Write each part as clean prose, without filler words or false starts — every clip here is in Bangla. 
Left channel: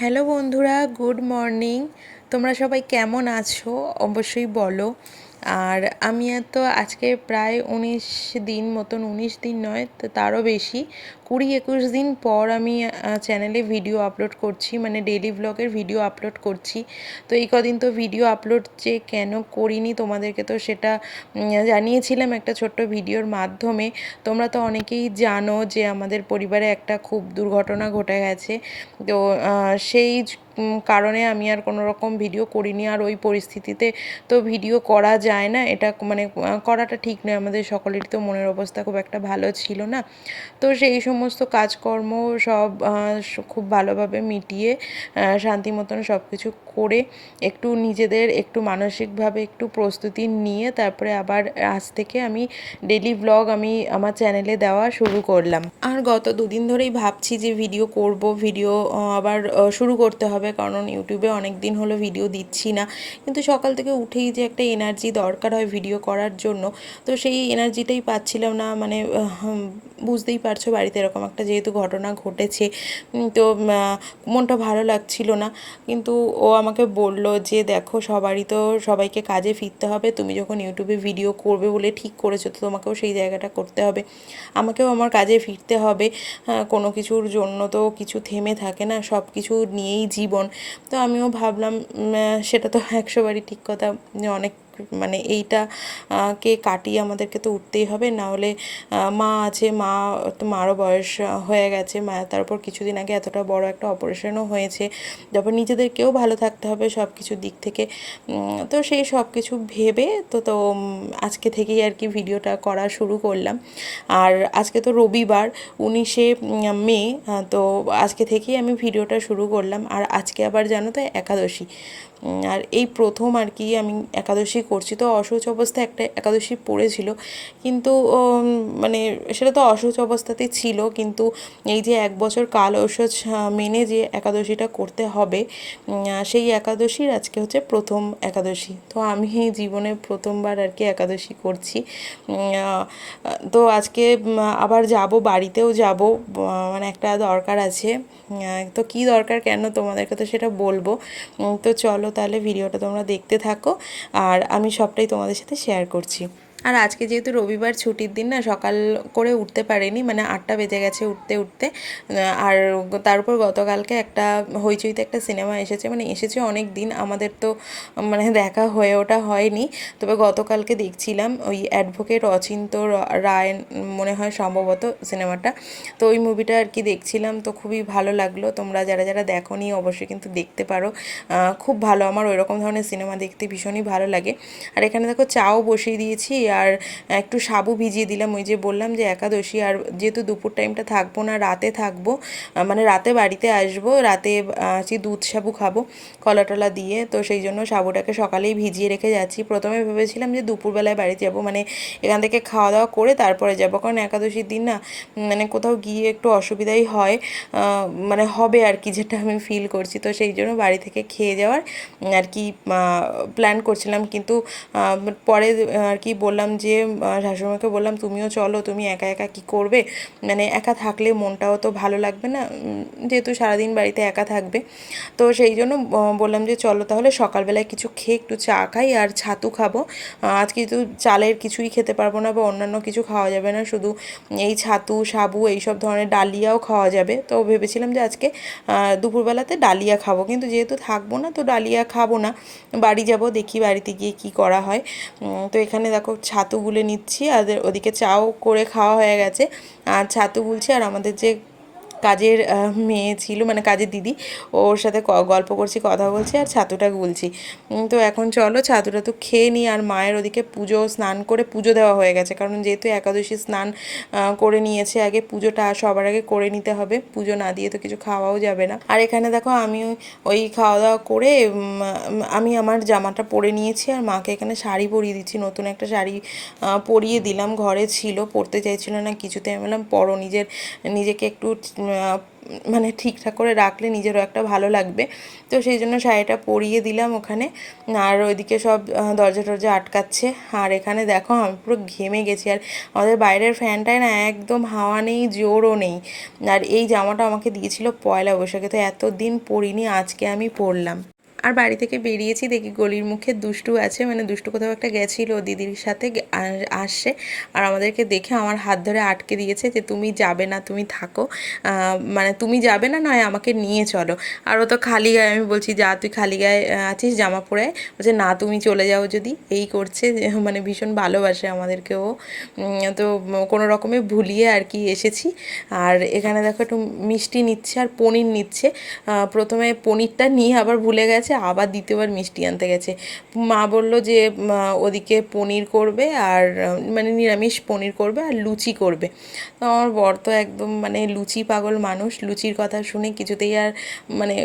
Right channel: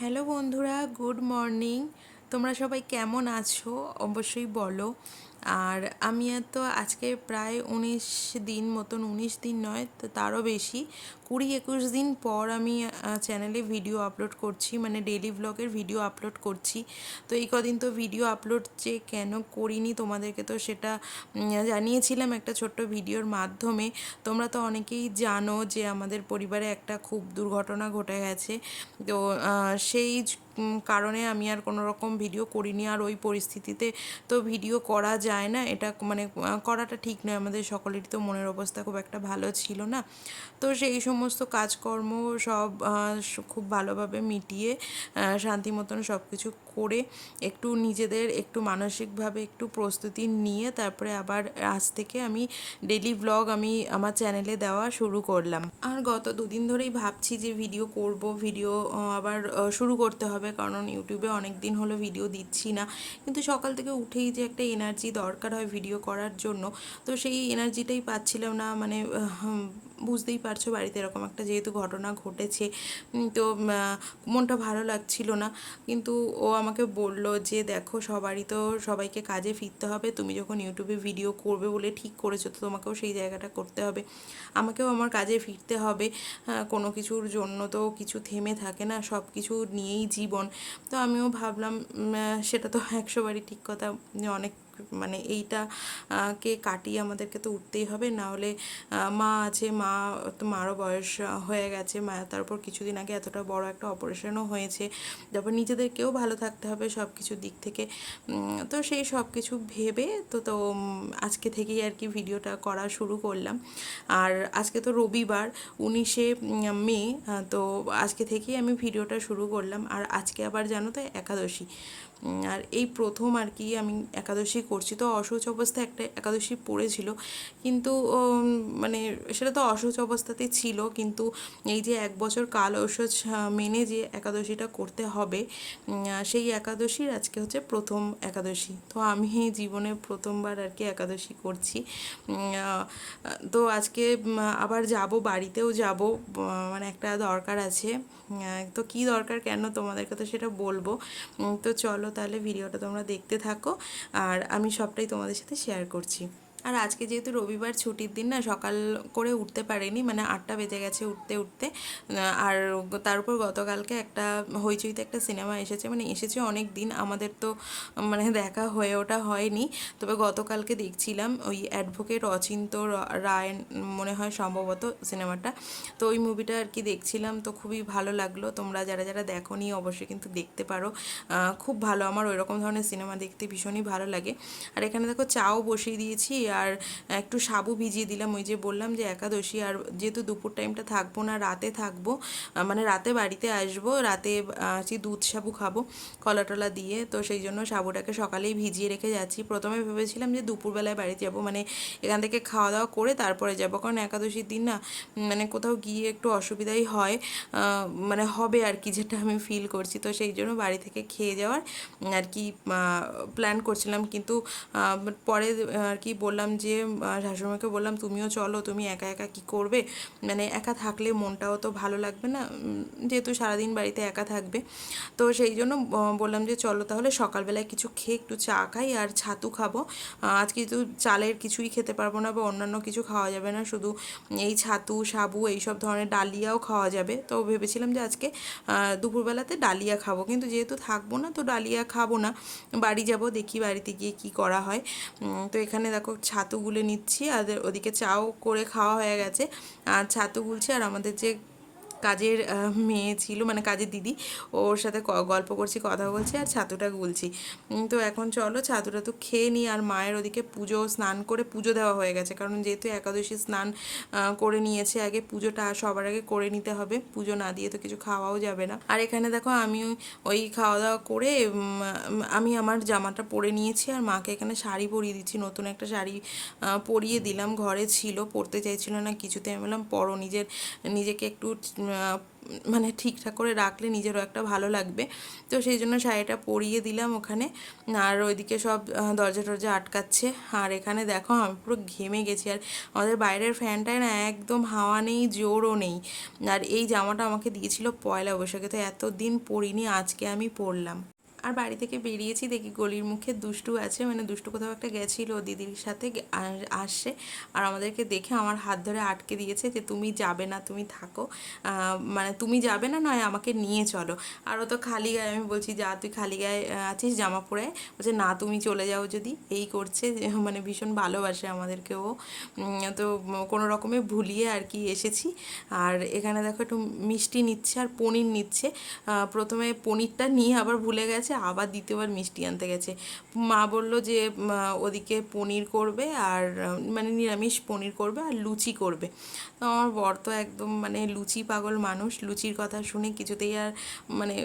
হ্যালো বন্ধুরা, গুড মর্নিং। তোমরা সবাই কেমন আছো অবশ্যই বলো। আর আমি তো আজকে প্রায় 19 দিন মতন, 19 দিন নয় তো তারও বেশি, 20-21 দিন পর আমি চ্যানেলে ভিডিও আপলোড করছি, মানে ডেইলি ব্লগের ভিডিও আপলোড করছি। তো এই কদিন তো ভিডিও আপলোড যে কেন করিনি তোমাদেরকে তো সেটা জানিয়েছিলাম একটা ছোট্ট ভিডিওর মাধ্যমে। তোমরা তো অনেকেই জানো যে আমাদের পরিবারে একটা খুব দুর্ঘটনা ঘটে গেছে। তো সেই কারণে আমি আর কোনো রকম ভিডিও করিনি। আর ওই পরিস্থিতিতে তো ভিডিও করা যায় না, এটা মানে করাটা ঠিক নয়। আমাদের সকলেরই তো মনের অবস্থা খুব একটা ভালো ছিল না। তো সেই সমস্ত কাজকর্ম সব খুব ভালোভাবে মিটিয়ে শান্তি মতন সব কিছু করে একটু নিজেদের একটু মানসিকভাবে একটু প্রস্তুতি নিয়ে তারপরে আবার আজ থেকে আমি ডেলি ব্লগ আমি আমার চ্যানেলে দেওয়া শুরু করলাম। আর গত দুদিন ধরেই ভাবছি যে ভিডিও করব, ভিডিও আবার শুরু করতে হবে, কারণ ইউটিউবে অনেক দিন হলো ভিডিও দিচ্ছি না। কিন্তু সকাল থেকে উঠেই যে একটা এনার্জি দরকার হয় ভিডিও করার জন্য, তো সেই এনার্জিটাই পাচ্ছিলাম না। মানে বুঝতেই পারছো, বাড়িতে এরকম একটা যেহেতু ঘটনা ঘটেছে, তো মনটা ভালো লাগছিল না। কিন্তু ও আমাকে বলল যে দেখো, সবাইকে কাজে ফিরতে হবে, তুমি যখন ইউটিউবে ভিডিও করবে বলে ঠিক করেছো তো তোমাকেও সেই জায়গাটা করতে হবে, আমাকেও আমার কাজে ফিরতে হবে। কোনো কিছুর জন্য তো কিছু থেমে থাকে না, সব কিছু নিয়েই জীবন। তো আমিও ভাবলাম সেটা তো 100বারই ঠিক কথা, যে অনেক মানে এইটা কে কাটিয়ে আমাদেরকে তো উঠতেই হবে। না হলে মা আছে, মারও বয়স হয়ে গেছে, তারপর কিছুদিন আগে এতটা বড় একটা অপারেশনও হয়েছে, তারপর নিজেদেরকেও ভালো থাকতে হবে সব কিছুর দিক থেকে। তো সেই সব কিছু ভেবে তো আজকে থেকেই আর কি ভিডিওটা করা শুরু করলাম। আর আজকে তো রবিবার, 19শে মে, তো আজকে থেকেই আমি ভিডিওটা শুরু করলাম। আর আজকে আবার জানো তো একাদশী, আর এই প্রথম আর কি আমি একাদশী করছি। তো অশৌচ অবস্থায় একটা একাদশী পড়েছিল, কিন্তু মানে সেটা তো অশৌচ অবস্থাতেই ছিল, কিন্তু এই যে 1 বছর কাল ঔষধ মেনে যে একাদশীটা করতে হবে, সেই একাদশীর আজকে হচ্ছে প্রথম একাদশী। তো আমি এই জীবনে প্রথমবার আর কি একাদশী করছি। তো আজকে আবার যাব, বাড়িতেও যাব, মানে একটা দরকার আছে। তো কী দরকার কেন তোমাদেরকে তো সেটা বলবো। তো চলো তাহলে ভিডিওটা তোমরা দেখতে থাকো, আর আমি সবটাই তোমাদের সাথে শেয়ার করছি। আর আজকে যেহেতু রবিবার ছুটির দিন না, সকাল করে উঠতে পারিনি, মানে 8টা বেজে গেছে উঠতে উঠতে। আর তার উপর গতকালকে একটা হইচইতে একটা সিনেমা এসেছে, মানে এসেছে অনেক দিন, আমাদের তো মানে দেখা হয়ে ওটা হয়নি। তবে গতকালকে দেখছিলাম ওই অ্যাডভোকেট অচিন্ত রায় মনে হয় সম্ভবত সিনেমাটা। তো ওই মুভিটা আর কি দেখছিলাম, তো খুবই ভালো লাগলো। তোমরা যারা যারা দেখোনি অবশ্যই কিন্তু দেখতে পারো, খুব ভালো। আমার ওই রকম ধরনের সিনেমা দেখতে ভীষণই ভালো লাগে। আর এখানে দেখো চাও বসিয়ে দিয়েছি, আর একটু সাবু ভিজিয়ে দিলাম, ওই যে বললাম যে একাদশী। আর যেহেতু দুপুর টাইমটা থাকবো না, রাতে থাকবো, মানে রাতে বাড়িতে আসবো, রাতে দুধ সাবু খাবো কলা টলা দিয়ে, তো সেই জন্য সাবুটাকে সকালেই ভিজিয়ে রেখে যাচ্ছি। প্রথমে ভেবেছিলাম যে দুপুরবেলায় বাড়ি যাব, মানে এখান থেকে খাওয়া দাওয়া করে তারপরে যাব, কারণ একাদশীর দিন না মানে কোথাও গিয়ে একটু অসুবিধাই হয়, মানে হবে আর কি, যেটা আমি ফিল করছি। তো সেই জন্য বাড়ি থেকে খেয়ে যাওয়ার আর কি প্ল্যান করছিলাম। কিন্তু পরে আর কি বললাম যে শাশুড়িমাকে বললাম তুমিও চলো, তুমি একা একা কী করবে, মানে একা থাকলে মনটাও তো ভালো লাগবে না, যেহেতু সারাদিন বাড়িতে একা থাকবে। তো সেই জন্য বললাম যে চলো তাহলে সকালবেলায় কিছু খেয়ে একটু চা খাই আর ছাতু খাবো। আজকে তো চালের কিছুই খেতে পারবো না বা অন্যান্য কিছু খাওয়া যাবে না, শুধু এই ছাতু সাবু এইসব ধরনের, ডালিয়াও খাওয়া যাবে। তো ভেবেছিলাম যে আজকে দুপুরবেলাতে ডালিয়া খাবো, কিন্তু যেহেতু থাকবো না তো ডালিয়া খাবো না, বাড়ি যাব, দেখি বাড়িতে গিয়ে কি করা হয়। তো এখানে দেখো ছাতু গুলে নিচ্ছি, আর ওদিকে চাও করে খাওয়া হয়ে গেছে, আর ছাতু গুলছি। আর আমাদের যে কাজের মেয়ে ছিল, মানে কাজের দিদি, ওর সাথে গল্প করছি, কথা বলছি, আর ছাতুটা গুলছি। তো এখন চলো ছাতুটা তো খেয়ে নিই। আর মায়ের ওদিকে পুজো, স্নান করে পুজো দেওয়া হয়ে গেছে, কারণ যেহেতু একাদশী স্নান করে নিয়েছে, আগে পুজোটা সবার আগে করে নিতে হবে, পুজো না দিয়ে তো কিছু খাওয়াও যাবে না। আর এখানে দেখো আমি ওই খাওয়া দাওয়া করে আমি আমার জামাটা পরে নিয়েছি, আর মাকে এখানে শাড়ি পরিয়ে দিচ্ছি, নতুন একটা শাড়ি পরিয়ে দিলাম, ঘরে ছিল, পরতে চাইছিল না কিছুতে। আমি বললাম পরো, নিজেকে একটু মানে ঠিকঠাক করে রাখলে নিজেরও একটা ভালো লাগবে। তো সেই জন্য শাড়িটা পরিয়ে দিলাম ওখানে। আর ওইদিকে সব দরজা টরজা আটকাচ্ছে। আর এখানে দেখো আমি পুরো ঘেমে গেছি। আর আমাদের বাইরের ফ্যানটায় না একদম হাওয়া নেই, জোরও নেই। আর এই জামাটা আমাকে দিয়েছিল পয়লা বৈশাখে, তো এতদিন পরিনি, আজকে আমি পরলাম। আর বাড়ি থেকে বেরিয়েছি, দেখি গলির মুখে দুষ্টু আছে, মানে দুষ্টু কোথাও একটা গেছিলো দিদির সাথে, আসছে। আর আমাদেরকে দেখে আমার হাত ধরে আটকে দিয়েছে যে তুমি যাবে না, তুমি থাকো, মানে তুমি যাবে না, নয় আমাকে নিয়ে চলো। আর ও তো খালি গায়ে, আমি বলছি যা তুই খালি গায়ে আছিস জামা পরে, বলছে না তুমি চলে যাও যদি, এই করছে। মানে ভীষণ ভালোবাসে আমাদেরকে ও। তো কোনো রকমে ভুলিয়ে আর কি এসেছি। আর এখানে দেখো একটু মিষ্টি নিচ্ছে আর পনির নিচ্ছে। প্রথমে পনিরটা নিয়ে আবার ভুলে গেছে, আবার দ্বিতীয়বার মিষ্টি আনতে গেছে। মা বলল যে ওদিকে পনির করবে আর মানে নিরামিষ পনির করবে আর লুচি করবে। তো আমার বর তো একদম মানে লুচি পাগল মানুষ, লুচির কথা শুনে কিছুতেই আর মানে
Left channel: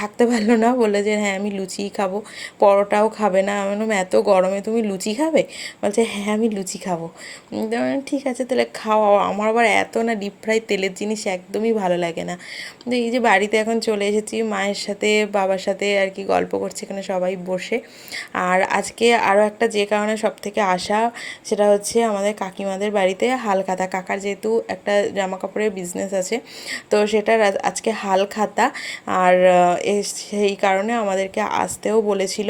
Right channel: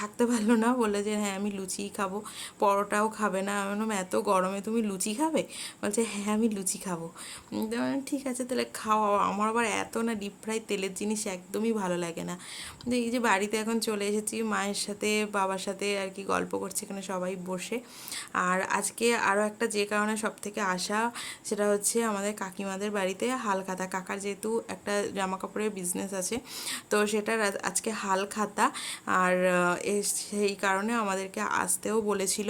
থাকতে পারলো না, বললো যে হ্যাঁ আমি লুচিই খাবো, পরোটাও খাবে না। আমি বললাম এত গরমে তুমি লুচি খাবে? বলছে হ্যাঁ আমি লুচি খাবো। তো আমি বললাম, ঠিক আছে তাহলে খাও। আমার আবার এত না ডিপ ফ্রাই তেলের জিনিস একদমই ভালো লাগে না। তো এই যে বাড়িতে এখন চলে এসেছি, মায়ের সাথে বাবার সাথে আর কি গল্প করছে এখানে সবাই বসে। আর আজকে আরও একটা যে কারণে সব থেকে আসা, সেটা হচ্ছে আমাদের কাকিমাদের বাড়িতে হালখাতা। কাকার যেহেতু একটা জামা কাপড়ের বিজনেস আছে, তো সেটার আজকে হালখাতা। আর সেই কারণে আমাদেরকে আসতেও বলেছিল,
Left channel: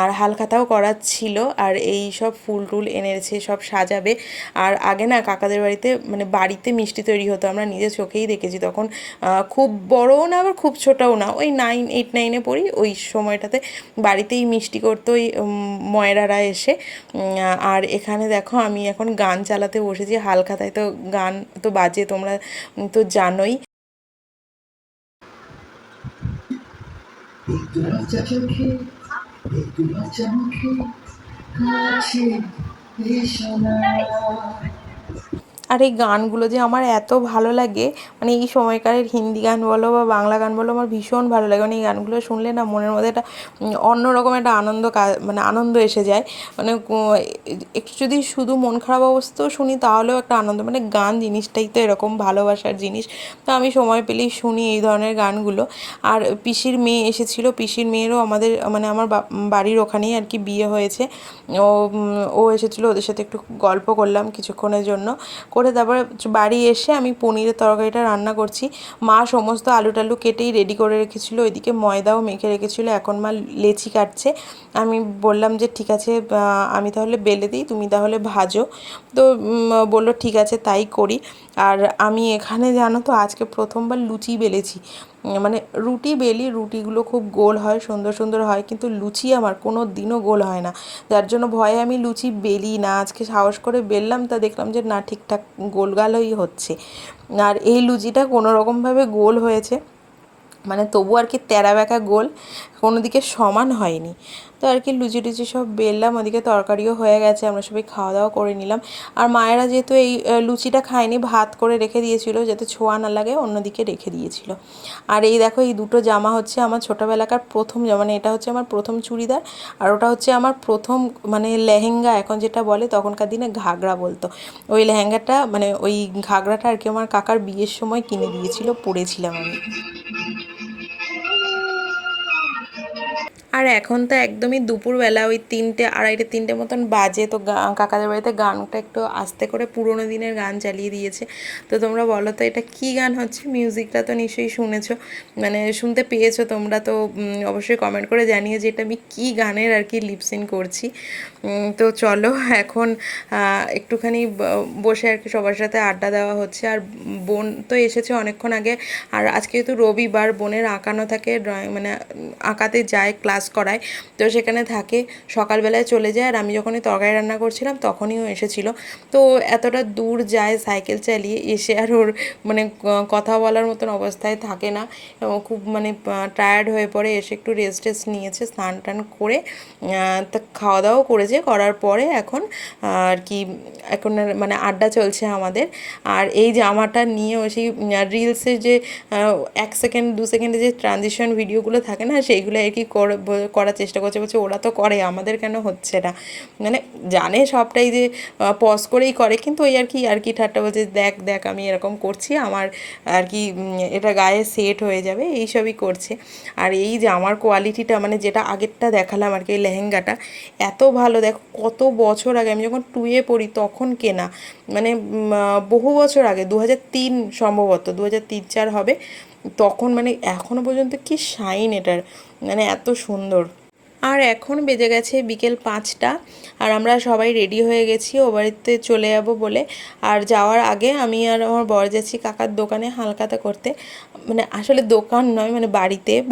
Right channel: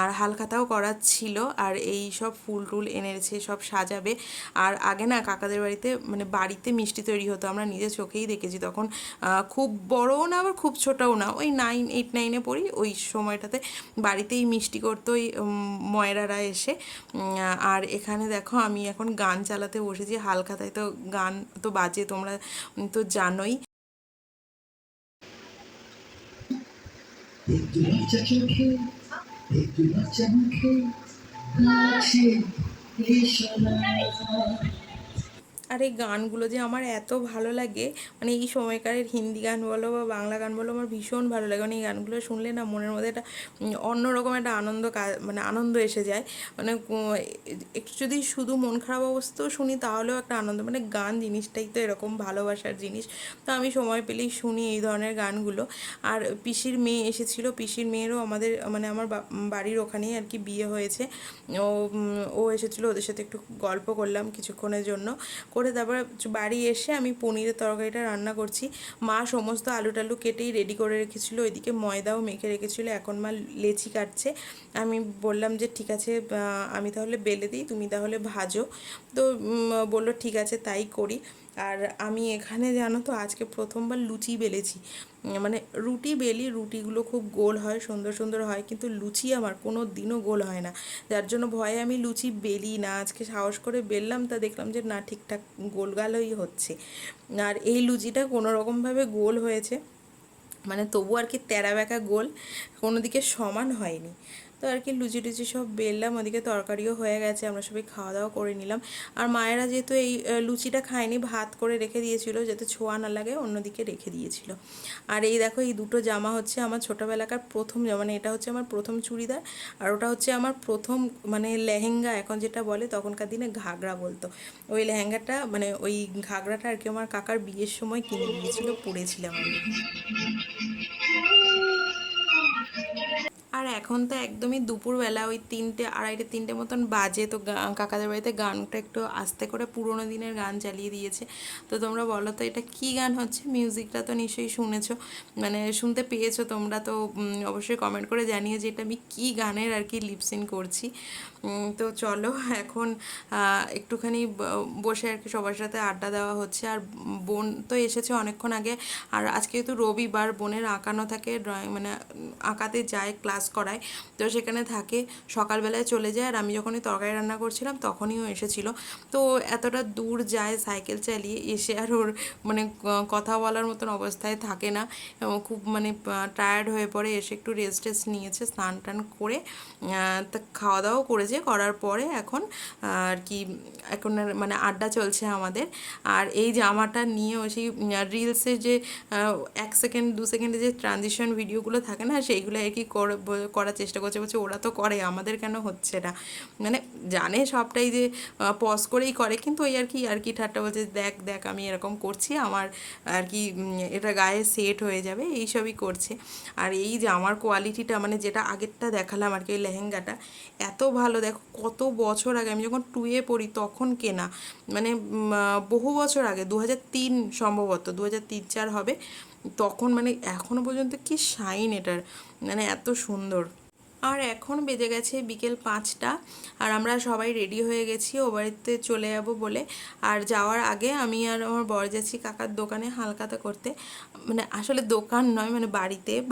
আর হালখাতাও করাচ্ছিল। আর এই সব ফুল টুল এনেছে, সব সাজাবে। আর আগে না কাকাদের বাড়িতে মানে বাড়িতে মিষ্টি তৈরি হতো, আমরা নিজের চোখেই দেখেছি। তখন খুব বড়ও না আবার খুব ছোটও না, ওই 8-9-এ পড়ি, ওই সময়টাতে বাড়িতেই মিষ্টি করতো ওই ময়রারা এসে। আর এখানে দেখো আমি এখন গান চালাতে বসেছি, হালখাতায় তো গান তো বাজে, তোমরা তো জানোই। আর এই গানগুলো যে আমার এত ভালো লাগে, মানে এই সময়কারের হিন্দি গান বলো বা বাংলা গান বলো, আমার ভীষণ ভালো লাগে। মানে এই গানগুলো শুনলে না মনের মধ্যে একটা অন্যরকম একটা আনন্দ মানে আনন্দ এসে যায়। মানে একটু যদি শুধু মন খারাপ অবস্থাও শুনি তাহলেও একটা আনন্দ, মানে গান জিনিসটাই তো এরকম ভালোবাসার জিনিস। তো আমি সময় পেলেই শুনি এই ধরনের গানগুলো। আর পিসির মেয়ে এসেছিলো, পিসির মেয়েরও আমাদের মানে আমার বাড়ির ওখানেই আর কি বিয়ে হয়েছে। ও এসেছিলো, ওদের সাথে একটু গল্প করলাম কিছুক্ষণের জন্য, করে তারপরে বাড়ি এসে আমি পনিরের তরকারিটা রান্না করছি। মা সমস্ত আলু টালু কেটেই রেডি করে রেখেছিলো, ওইদিকে ময়দাও মেখে রেখেছিলো, এখন মা লেচি কাটছে। আমি বললাম যে ঠিক আছে আমি তাহলে বেলে দিই, তুমি তাহলে ভাজো। তো বললো ঠিক আছে তাই করি। আর আমি এখানে জানো তো আজকে প্রথমবার লুচি বেলেছি। মানে রুটি বেলি, রুটিগুলো খুব গোল হয়, সুন্দর সুন্দর হয়, কিন্তু লুচি আমার কোনো দিনও গোল হয় না। যার জন্য ভয়ে আমি লুচি বেলি না। আজকে সাহস করে বেললাম, তা দেখলাম যে না ঠিকঠাক গোলগালই হচ্ছে। আর এই লুচিটা কোনো রকমভাবে গোল হয়েছে, মানে তবু আর কি তেরা বেঁকা গোল, কোনো দিকে সমান হয়নি। তো আর কি লুচি টুচি সব বেললাম, ওদিকে তরকারিও হয়ে গেছে, আমরা সবাই খাওয়া দাওয়া করে নিলাম। আর মায়েরা যেহেতু এই লুচিটা খায়নি, ভাত করে রেখে দিয়েছিল যাতে ছোঁয়া না লাগে, অন্যদিকে রেখে দিয়েছিল। আর এই দেখো এই দুটো জামা হচ্ছে আমার ছোটোবেলাকার প্রথম জামা, মানে এটা হচ্ছে আমার প্রথম চুড়িদার, আর ওটা হচ্ছে আমার প্রথম মানে লেহেঙ্গা এখন যেটা বলে, তখনকার দিনে ঘাগরা বলতো। ওই লেহেঙ্গাটা মানে ওই ঘাগরাটা আর কি আমার কাকার বিয়ের সময় কিনে দিয়েছিল, পরেছিলাম আমি। আর এখন তো একদমই দুপুরবেলা, ওই 3টে 2:30 মতন বাজে। তো কাকাদের বাড়িতে গানটা একটু আস্তে করে পুরোনো দিনের গান চালিয়ে দিয়েছে। তো তোমরা বলো তো এটা কী গান হচ্ছে? মিউজিকটা তো নিশ্চয়ই শুনেছো, মানে শুনতে পেয়েছো তোমরা, তো অবশ্যই কমেন্ট করে জানিয়ে যে এটা আমি কী গানের আর কি লিপসিন করছি। তো চলো এখন একটুখানি বসে আর কি সবার সাথে আড্ডা দেওয়া হচ্ছে। আর বোন তো এসেছে অনেকক্ষণ আগে। আর আজকে যেহেতু রবিবার, বোনের আঁকানো থাকে, ড্রয়িং মানে আঁকাতে যায়, ক্লাস করায়, তো সেখানে থাকে, সকালবেলায় চলে যায়। আর আমি যখনই তরকারি রান্না করছিলাম তখনই ও এসেছিলো। তো এতটা দূর যায় সাইকেল চালিয়ে, এসে আর ওর মানে কথা বলার মতন অবস্থায় থাকে না, এবং খুব মানে টায়ার্ড হয়ে পড়ে। এসে একটু রেস্ট টেস্ট নিয়েছে, স্নান টান করে তা খাওয়া দাওয়াও করেছে, করার পরে এখন আর কি এখন মানে আড্ডা চলছে আমাদের। আর এই জামাটা নিয়ে ও সেই রিলসের যে 1 সেকেন্ড 2 সেকেন্ডে যে ট্রানজিশন ভিডিওগুলো থাকে না, সেইগুলো আর কি করার চেষ্টা করছে, বলছে ওরা তো করে, আমাদের কেন হচ্ছে না। মানে জানে সবটাই যে পজ করেই করে, কিন্তু ওই আর কি ঠাট্টা বলছে, দেখ দেখ আমি এরকম করছি, আমার আর কি এটা গায়ে সেট হয়ে যাবে, এইসবই করছে। আর এই যে আমার কোয়ালিটিটা, মানে যেটা আগেরটা দেখালাম আর কি, এই লেহেঙ্গাটা এত ভালো, দেখো কত বছর আগে, আমি যখন টুয়ে পড়ি তখন কেনা, মানে বহু বছর আগে, 2003 সম্ভবত, 2003-4 হবে তখন, মানে এখনো পর্যন্ত কি শাইন এটার, মানে এত সুন্দর। আর এখন বেজে গেছে বিকেল 5টা, আর আমরা সবাই রেডি হয়ে গেছি ও বাড়িতে চলে যাব বলে। আর যাওয়ার আগে আমি আর আমার বর যাচ্ছি কাকার দোকানে হালখাতা করতে, মানে আসলে দোকান নয়, মানে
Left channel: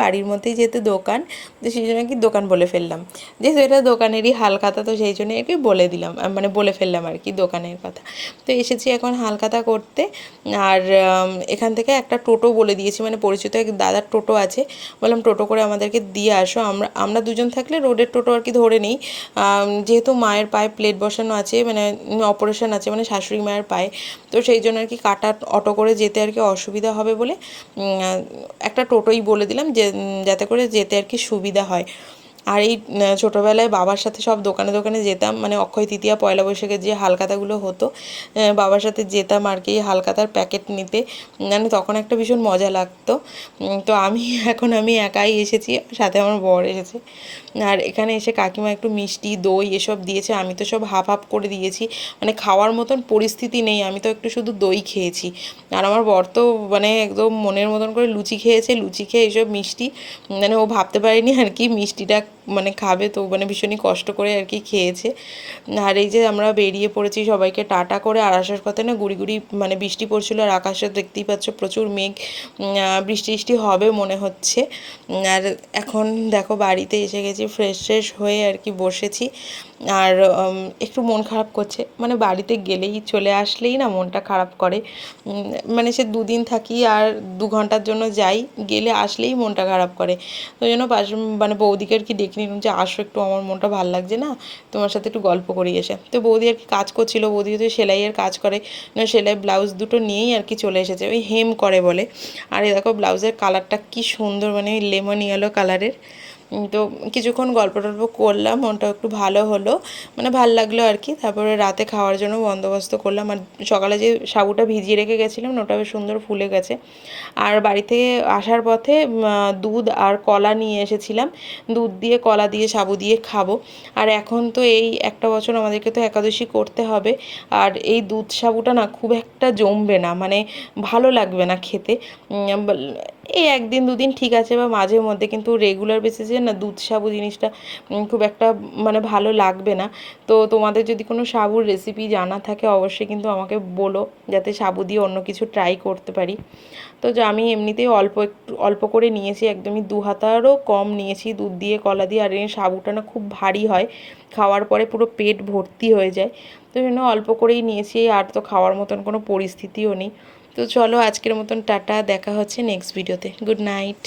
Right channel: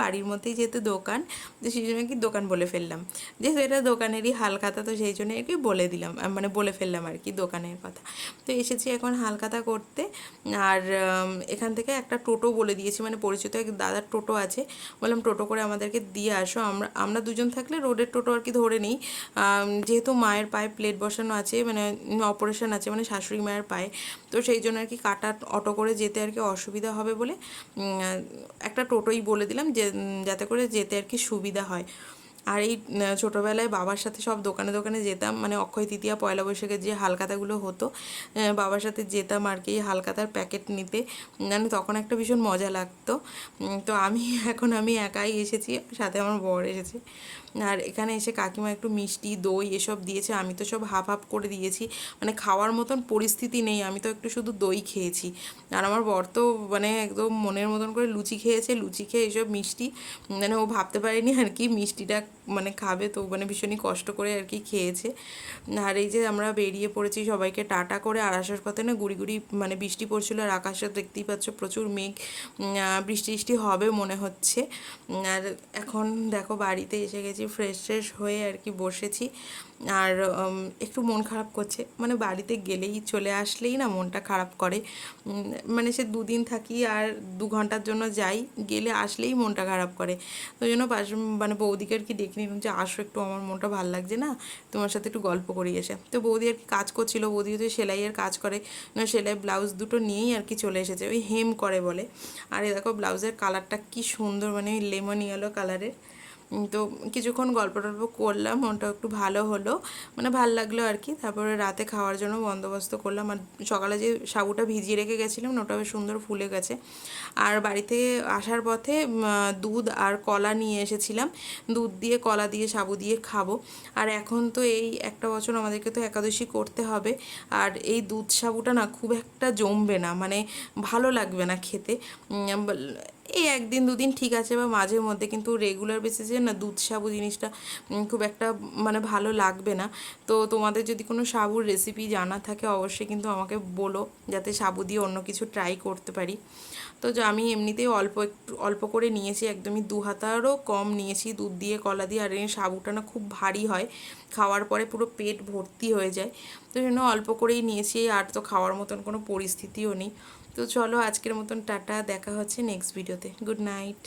বাড়ির মধ্যেই যেহেতু দোকান, তো সেই জন্য কি দোকান বলে ফেললাম, যেহেতু এটা দোকানেরই হালখাতা, তো সেই জন্য আর কি বলে দিলাম, মানে বলে ফেললাম আর কি দোকানের কথা। তো এসেছি এখন হালখাতা করতে। আর এখান থেকে একটা টোটো বলে দিয়েছি, মানে পরিচিত এক দাদার টোটো আছে, বললাম টোটো করে আমাদেরকে দিয়ে আসো। আমরা দুজন থাকলে রোডের টোটো আর কি ধরে নিই, যেহেতু মায়ের পায়ে প্লেট বসানো আছে, মানে অপারেশন আছে, মানে শাশুড়ি মায়ের পায়ে, তো সেই জন্য আর কি কাটা অটো করে যেতে আর কি অসুবিধা হবে বলে একটা টোটোই বলে দিলাম, যে যাতে করে যেতে আর কি সুবিধা হয়। আর এই ছোটোবেলায় বাবার সাথে সব দোকানে দোকানে যেতাম, মানে অক্ষয় তৃতীয়া পয়লা বৈশাখে যে হালখাতাগুলো হতো, বাবার সাথে যেতাম আর কি হালখাতার প্যাকেট নিতে, মানে তখন একটা ভীষণ মজা লাগতো। তো আমি একাই এসেছি, সাথে আমার বর এসেছে। আর এখানে এসে কাকিমা একটু মিষ্টি দই এসব দিয়েছে, আমি তো সব হাফ হাফ করে দিয়েছি, মানে খাওয়ার মতন পরিস্থিতি নেই, আমি তো একটু শুধু দই খেয়েছি। আর আমার বর তো মানে একদম মনের মতন করে লুচি খেয়েছে, লুচি খেয়ে এসব মিষ্টি, মানে ও ভাবতে পারেনি আর কি মিষ্টিটা মানে খাবে, তো মানে ভীষণই কষ্ট করে আর কি খেয়েছে। আর এই যে আমরা বেরিয়ে পড়েছি সবাইকে টাটা করে, আর আসার পথে না গুড়ি গুড়ি মানে বৃষ্টি পড়ছিল, আর আকাশে দেখতেই পাচ্ছ প্রচুর মেঘ, বৃষ্টি বৃষ্টি হবে মনে হচ্ছে। আর এখন দেখো বাড়িতে এসে গেছি, ফ্রেশ ফ্রেশ হয়ে আর কি বসেছি। আর একটু মন খারাপ করছে, মানে বাড়িতে গেলেই চলে আসলেই না মনটা খারাপ করে, মানে সে দুদিন থাকি আর 2 ঘন্টার জন্য যাই, গেলে আসলেই মনটা খারাপ করে। তো জন্য মানে বৌদিকে আর কি ডেকে নিলাম যে আসো একটু, আমার মনটা ভালো লাগছে না, তোমার সাথে একটু গল্প করি এসে। তো বৌদি আর কি কাজ করছিল, বৌদি তো সেলাইয়ের কাজ করে, সেলাই ব্লাউজ দুটো নিয়েই আর কি চলে এসেছে, ওই হেম করে বলে। আর এই দেখো ব্লাউজের কালারটা কি সুন্দর, মানে লেমন ইয়েলো কালারের। তো কিছুক্ষণ গল্প টল্প করলাম, মনটা একটু ভালো হলো, মানে ভালো লাগলো আর কি। তারপরে রাতে খাওয়ার জন্য বন্দোবস্ত করলাম, আর সকালে যে সাবুটা ভিজিয়ে রেখে গেছিলাম ওটা বেশ সুন্দর ফুলে গেছে। আর বাড়ি থেকে আসার পথে দুধ আর কলা নিয়ে এসেছিলাম, দুধ দিয়ে কলা দিয়ে সাবু দিয়ে খাবো। আর এখন তো এই একটা বছর আমাদেরকে তো একাদশী করতে হবে, আর এই দুধ সাবুটা না খুব একটা জমবে না, মানে ভালো লাগবে না খেতে। এই 1 দিন 2 দিন ঠিক আছে, বা মাঝে মধ্যে, কিন্তু রেগুলার বেসিসে না দুধ সাবু জিনিসটা খুব একটা মানে ভালো লাগবে না। তো তোমাদের যদি কোনো সাবুর রেসিপি জানা থাকে অবশ্যই কিন্তু আমাকে বলো, যাতে সাবু দিয়ে অন্য কিছু ট্রাই করতে পারি। তো যে আমি এমনিতেই একটু অল্প করে নিয়েছি, একদমই 2 হাতারও কম নিয়েছি দুধ দিয়ে কলা দিয়ে। আর এই সাবুটা না খুব ভারী হয়, খাওয়ার পরে পুরো পেট ভর্তি হয়ে যায়, তো জন্য অল্প করেই নিয়েছি, আর তো খাওয়ার মতন কোনো পরিস্থিতিও নেই। তো চলো আজকের মতন টাটা, দেখা হচ্ছে নেক্সট ভিডিওতে, গুড নাইট।